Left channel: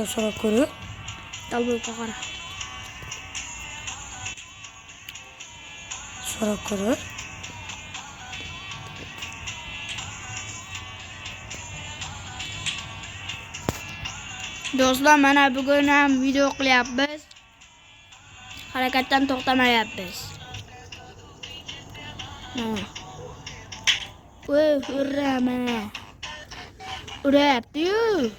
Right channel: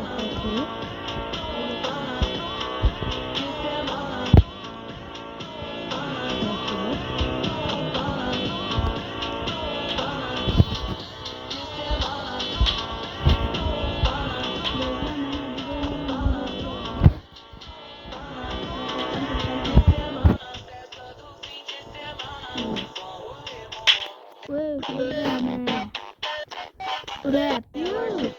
Hatta so'rab ko'rib. Tablo qara. So'rab ko'rib. Do'stlar, mana bugun ham video qilyapmiz. Harakatdan to'xtamayapmiz. Voy, urra mana. Uryapti-yu.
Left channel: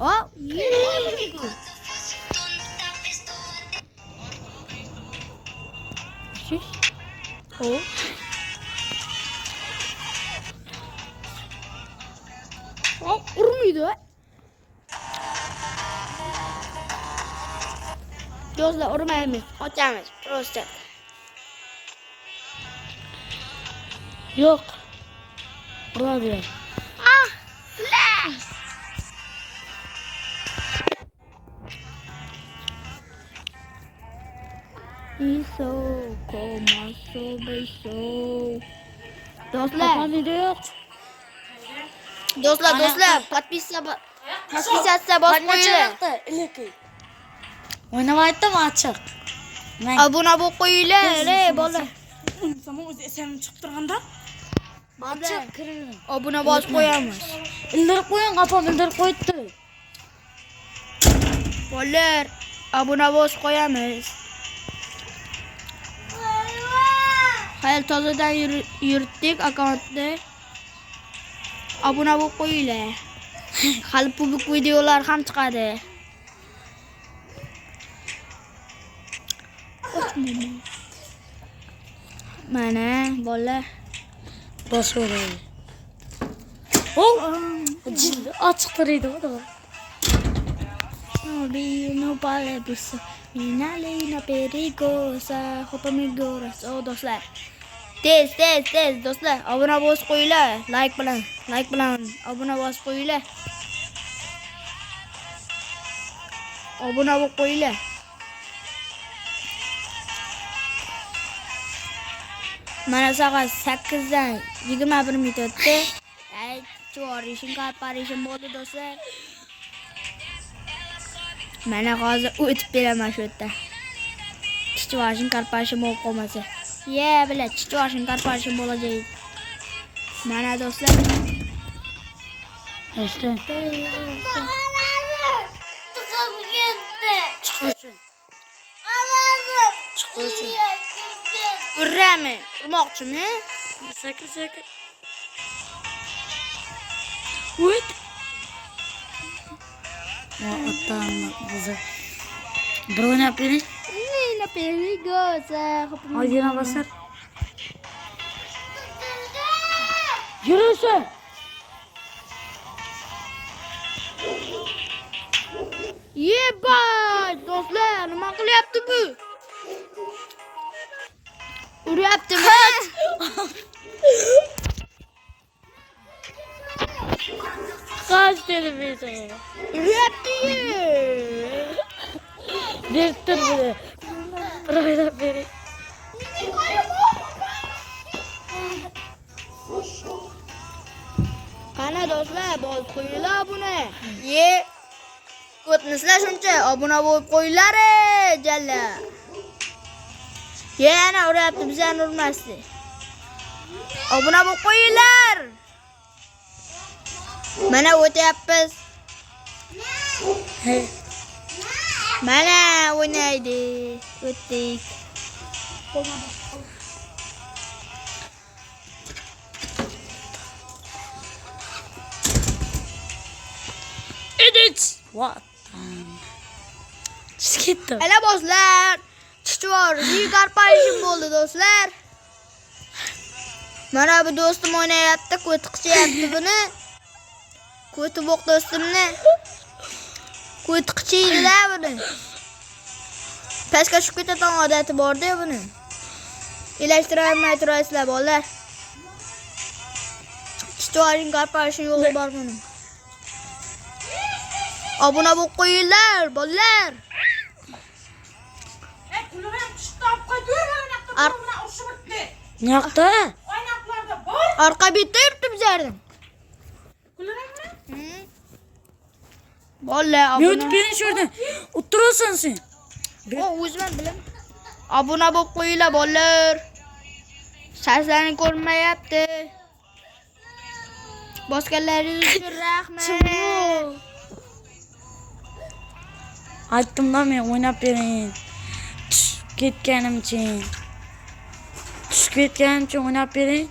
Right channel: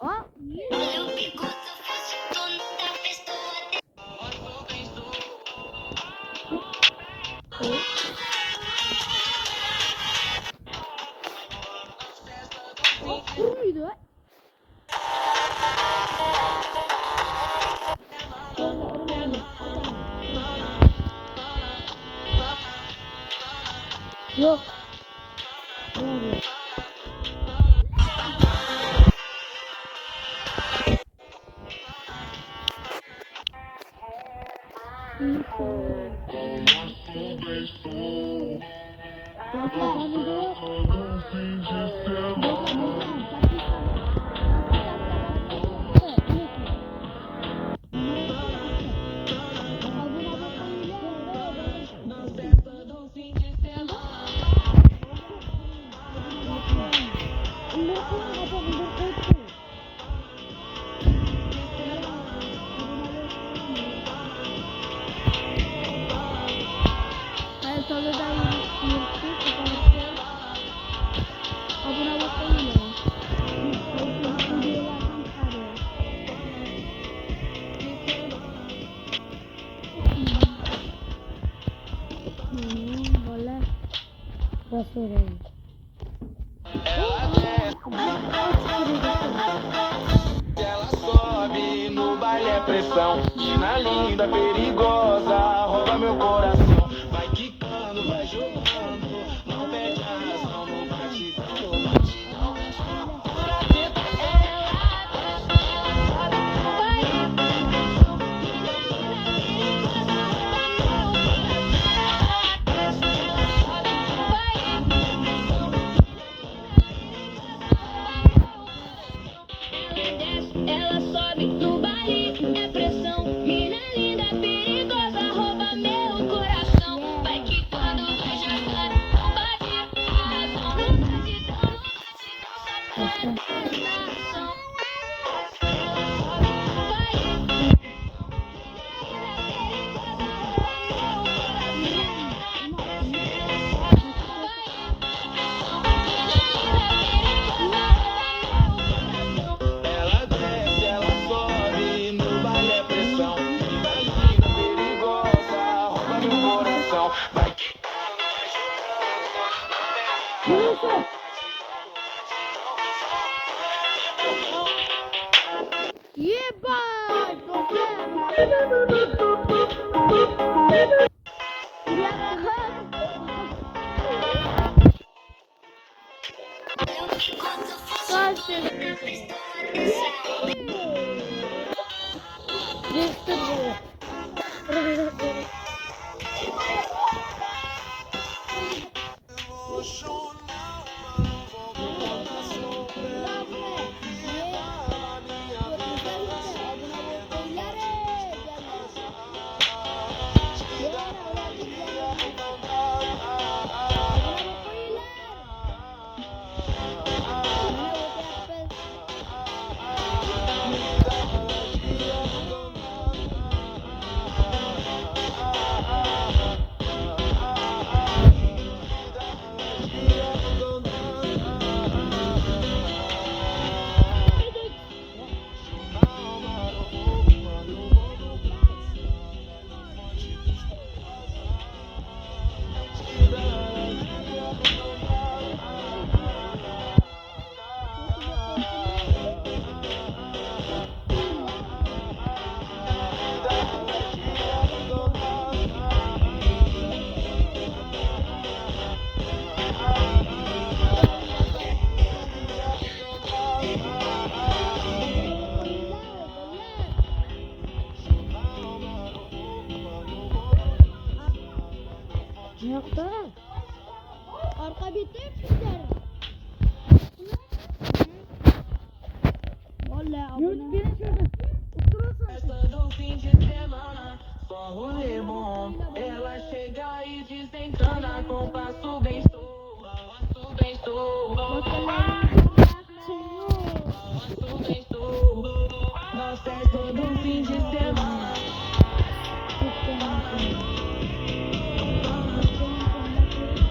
Oh, oh. Oh, urmaydi. Do'stlar, urmaymiz. Ochamiz. Prosta. Yo'q. Uradi. Ah! İso, komaso, beso. Do'stlar, do'stlar, podpisatsiya bosib qo'yinglar. O'ynamayapti machiq. Obuna bo'lib qo'yinglar, bola. Samo o'zi esim chiqib turganda machiq kiring. Obuna bosib qo'yamiz. Ildirib qo'ying, qapam ildirib qo'yibdi. Bolalar, obuna bosib qo'yamiz. Hayal tozadan yuritdik akkauntni. Obuna bo'lib qo'yinglar. Hali publik videolar ham chiqadi. Mana bolalar Bosaveradi. Oh! Ochiq turadi. Do'stlar, tez do'stlar, obuna bosib qo'yinglar. Like bilan obuna bosib qo'yinglar. Obuna bo'lib qo'yinglar. Mana soat 8:21 minutda Jorishim qarparishim bo'ldi do'stlar. Mana hozir o'tib beraman shu yerdan. Jorishim qarparishim bo'lib qolmasa. Bilan Jorishim qarparishim bo'ladi. Mana do'stlar. Işte. Urrami? Urmoqchimi? Sakit. Uy. Drone yapayım. Aydın'a basın. Yürüsün. Yebay! Do'stlar, nima qilyapti bu? Uryaptimi? Kaç televizyon. Uryapti-yu. Direktör biri. Raylar biri. Qani do'stlar, bosib qo'yinglar buni. O'tmislar shuncha, obuna bo'lib qo'yinglar, jalla. Yana uryapti, bizani urmasdi. Obuna bo'lib qo'yinglar. Mana o'tyapmiz. Mana o'ynaydi. O'tdi. Edit. What? Skitto. Ala do'stlar, chichvor, qarparishim bo'ldi do'stlar. Mana bu do'stim o'ynayapti, ko'ti qichyapti buni. Ko'ti bo'q do'stimni. Ko'ti qichiydilar buni. Pastga tushib ketadigan odati bor-da buni. Ilashtirolmay turasizlar bolalar. Chichvoring qarparishim yo'q bor buni. Obuna bo'lib qo'yinglar, bolalar. Ne yaptı? Arka bitti yurttum bizlerden. Bolla Men o'tib bering shu yerdan. O'tirasan sen. O'zim bilim. Obuna bo'lib qo'yinglar bolalar. Sharhlaring ko'rinmayapti. Bosganlaringiz uchun rahmat. Aytdim-da men o'ynab bering. Tushib ketganimcha o'ynab bering.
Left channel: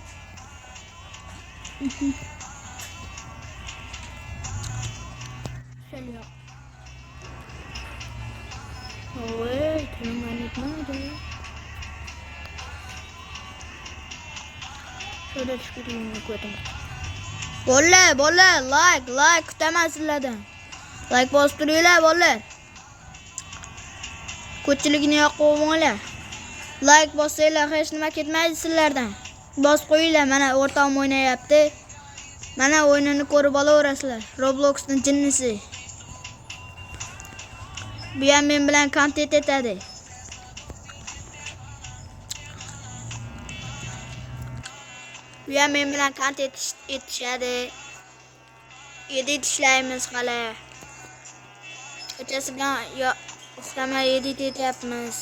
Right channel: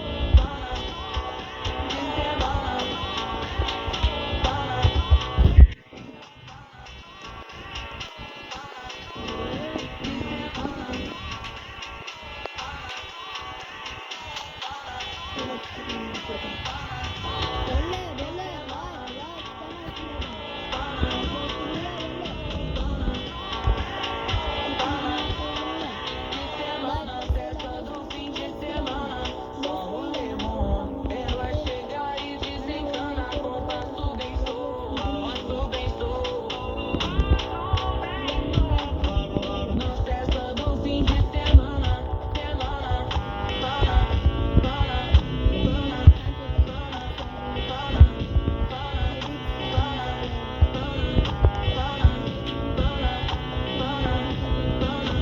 Bolla, like kutaman sizlardan. Like bostiringlar bolla. Ko'pchilikni yoqib like bossanglar hech nima ketmaydi sizlardan. Bos qo'yinglar, mana o'rtog'im o'ynayapti. Mana o'yinini ko'rib olaverasizlar. Robloxning jinnisi. Bu ham men bilan kontent etadi. Bu ham men bilan kontent etishadi. Edit ishlaymiz hali. Kechasi bilan sizlarga edit etyapmiz.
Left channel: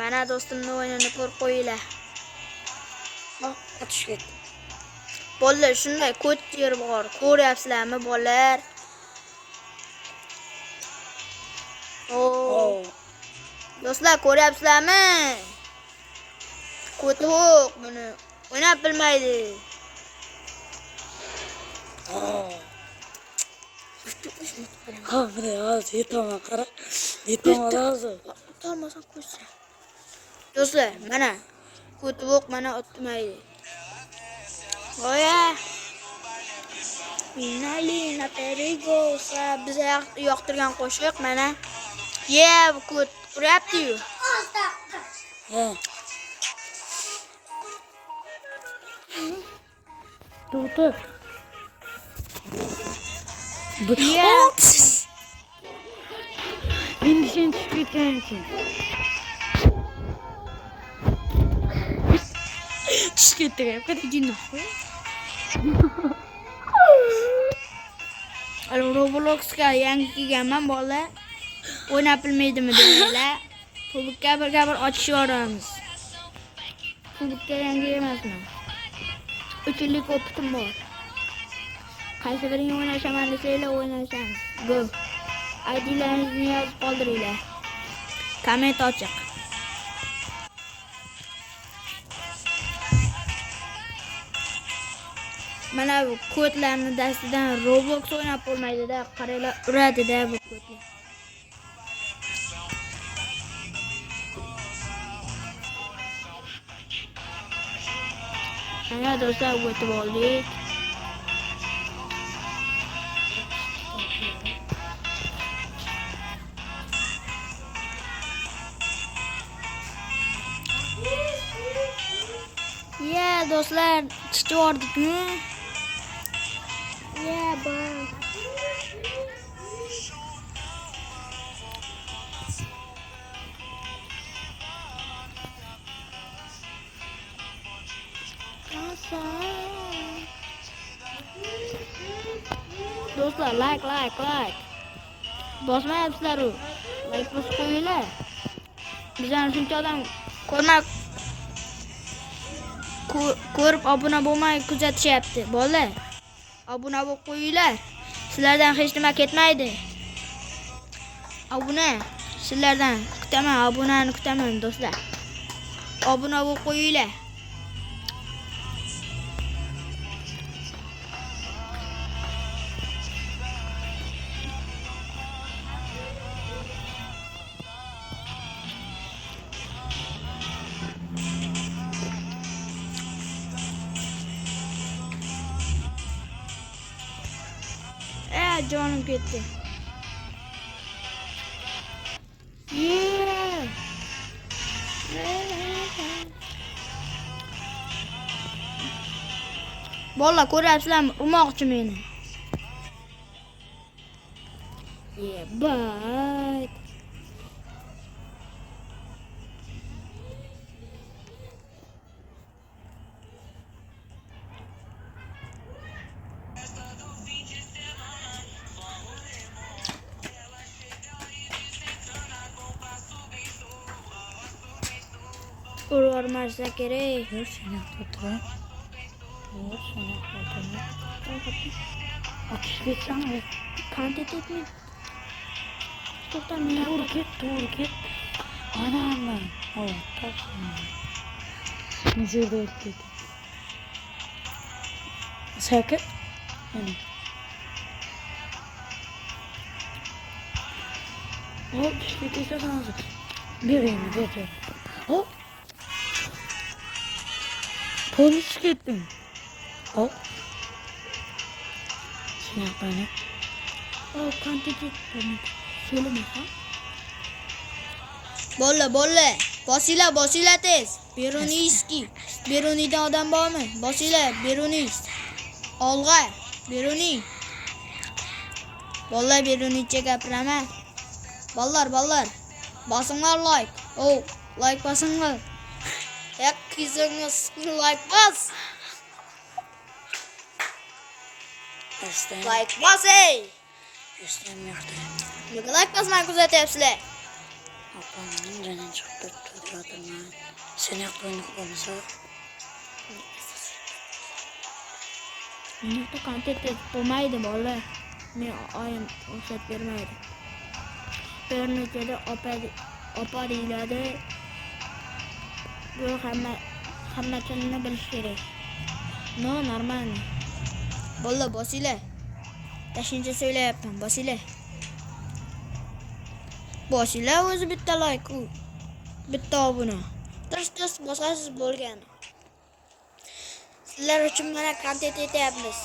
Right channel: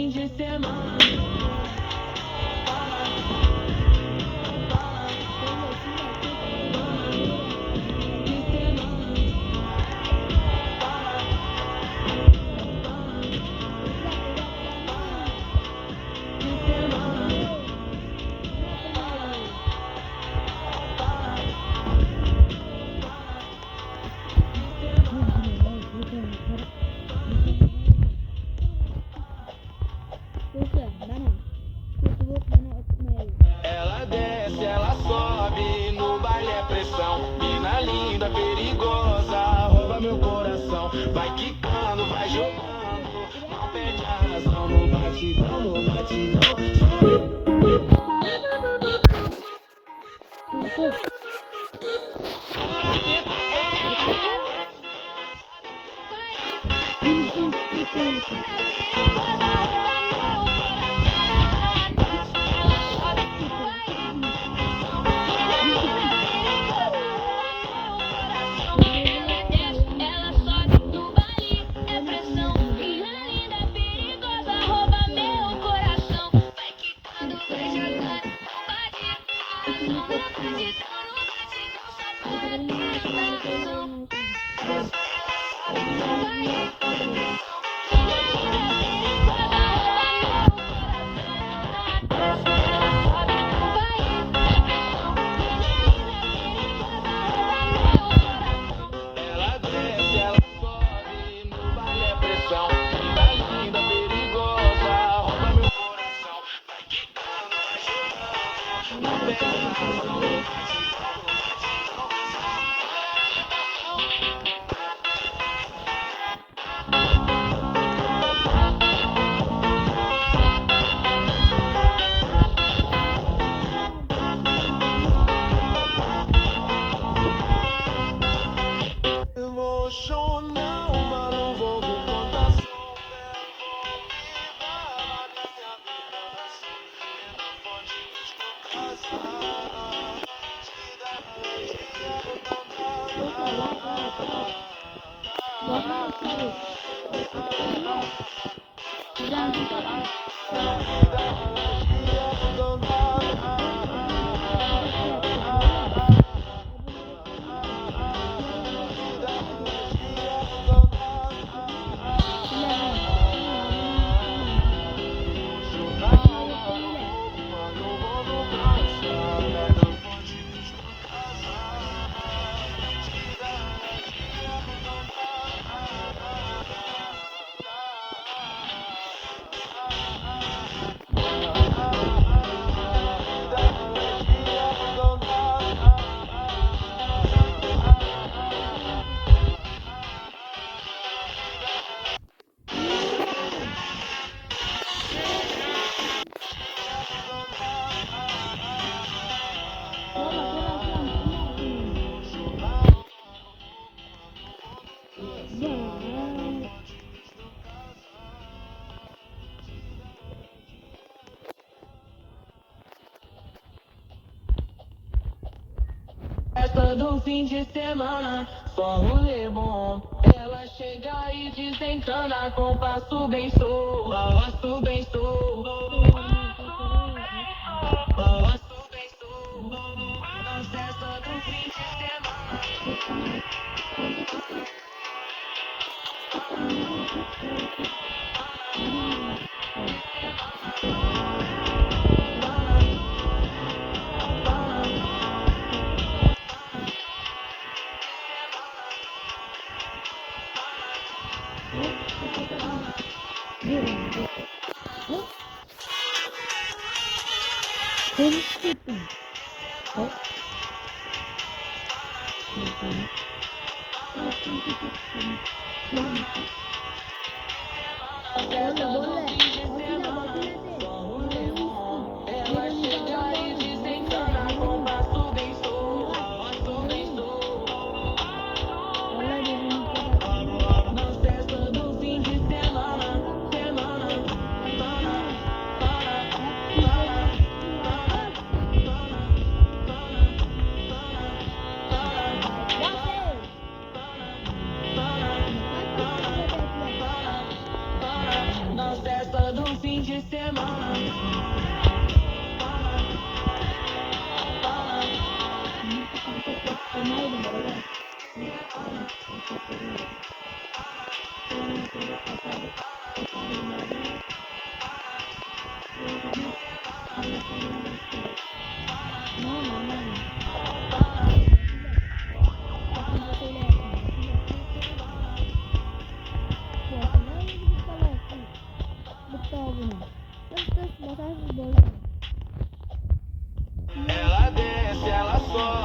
Mana do'stimni o'yinini ko'rib qo'yinglar. Bolalar shunday ko't yerim bor. Ko'ryapsizlarmi bolalar? Do'stlar ko'ryapsizlarmi? Ko'toq o'ynab bilmaydi. Ha, mana hozir yetaman, qara. Yetaman hozir. Do'stlar, mana ko'toq mana otmaydi. Oya. Yoqtirgan qo'shiq mana. Ko'ryapti-yu. To'xtab. Meni sen tushib ketgansan. Tushib ketgan. Qani Robloxga yangi kelganman bola. O'ynab bilmaydimi deydilar. Klubga bir ochish yoramiz. Klubga yangi emasman. 3 yillik o'qitim bor. Qaysi birini o'ynashaman desanglar o'ynashamiz. Go. IDlaringizni yozib qoldiringlar. Komment ochiq. Mana kodlarni dastidan Roblox o'ynab bo'lmaydi-da, qaranglar uradi-da. Mana do'stlar o'tib oldik. Do'stlar, chiqyapti. Do'stlar, like. Bosmayapsizlar-ku. Like bosib qo'yinglar. Bizdan shuncha odam ko'rib obuna bo'lmay kuzatishyapti. Bolalar, obuna bo'lib qo'yinglar. Sizlardan hech nima ketmaydi. Obuna sizlardan kutaman, obunani kutaman do'stlar. Obuna bo'lib qo'yinglar. Jonim ketdi. Valla ko'ryapsizlarmi? Urmoqchi meni. Bye. todo fim de semana, só rolê bom. Ela chega e desentana com passo bem solto, passo bem solto. Olmazsa kerak. Sakın. Polis gittim. Hop. Tane. Bolla. Bosila tez. Beruniski. Berunida odam bormi? Bosila, Beruni. Olg'a, Beruni. Vallahi Berunicha gapirama. Ballar. Bosinglar like. Like bosinglar. Yak kizimiz like bos. Like bos ey. Nega like bosmay kuzatyapsizlar? Bunga kontent bo'lmaydi bolalar. Men oyim ruxsat bermaydi. Bir nechada opa deyiladi. Bu hammasini bilish kerak. No, normal. Bolla bosila. Tashincha söylayapman, bosila. Bosila o'zi bitta like u. Bitta obuna. Tirs bosasiz bo'lgan. Sizlar uchun mana kontent etyapmiz.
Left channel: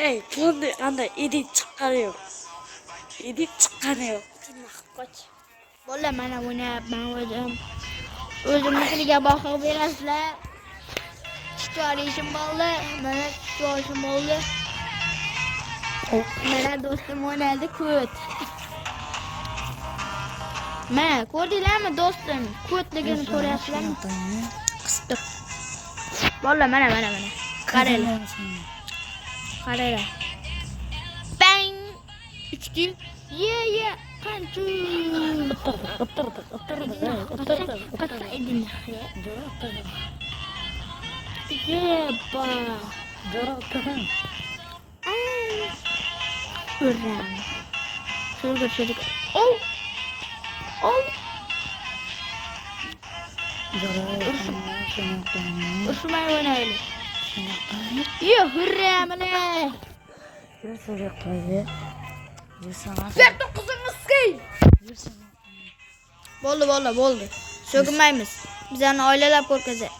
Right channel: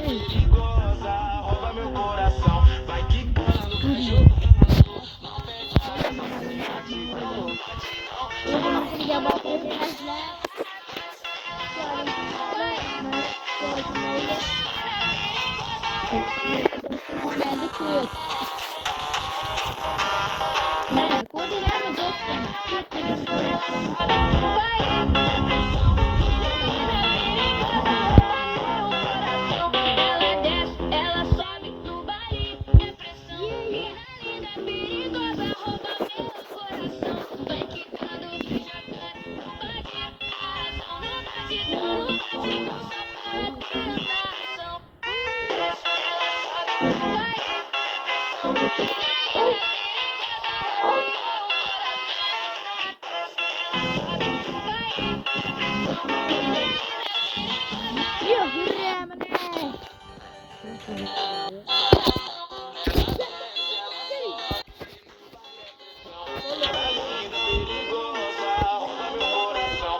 Hey, to'g'ri anda edit chiqariyor. Bolla mana o'ynayapman o'zim. O'zimnikiga boqib berasizlar. Chiqarishim bo'ldi. Mana chiqarishim bo'ldi. Mana do'stim o'ynadi ko't. Mana ko'rdinglarmi do'stim? Ko't deganini ko'ryapsizlarmi? Bolla mana. Qaranglar. Bang! Uchki. Yeah. Hurra mana. Bo'ldi. So'kinmaymiz. Bizlarni oilalab ko'rkazak.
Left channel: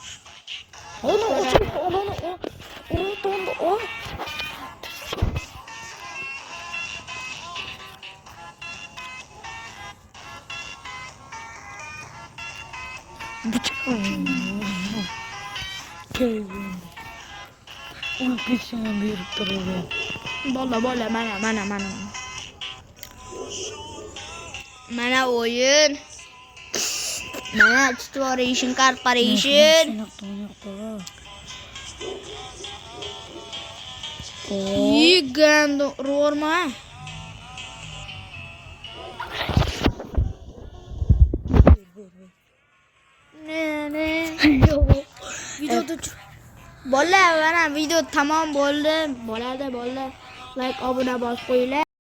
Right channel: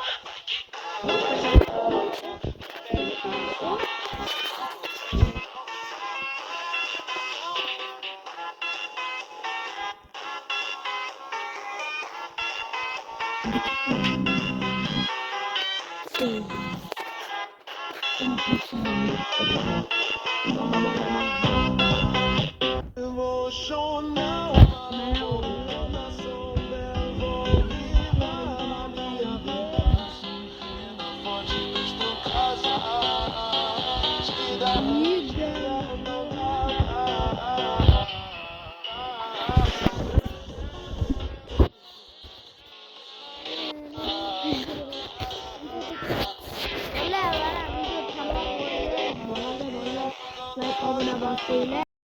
Bolla mana. Mana o'yin. Mana Exploration Corporation. Gigant ro'rma. Bolla, mana video tamom bo'ldi. Bo'ladi. Like, obuna bosib qo'yinglar.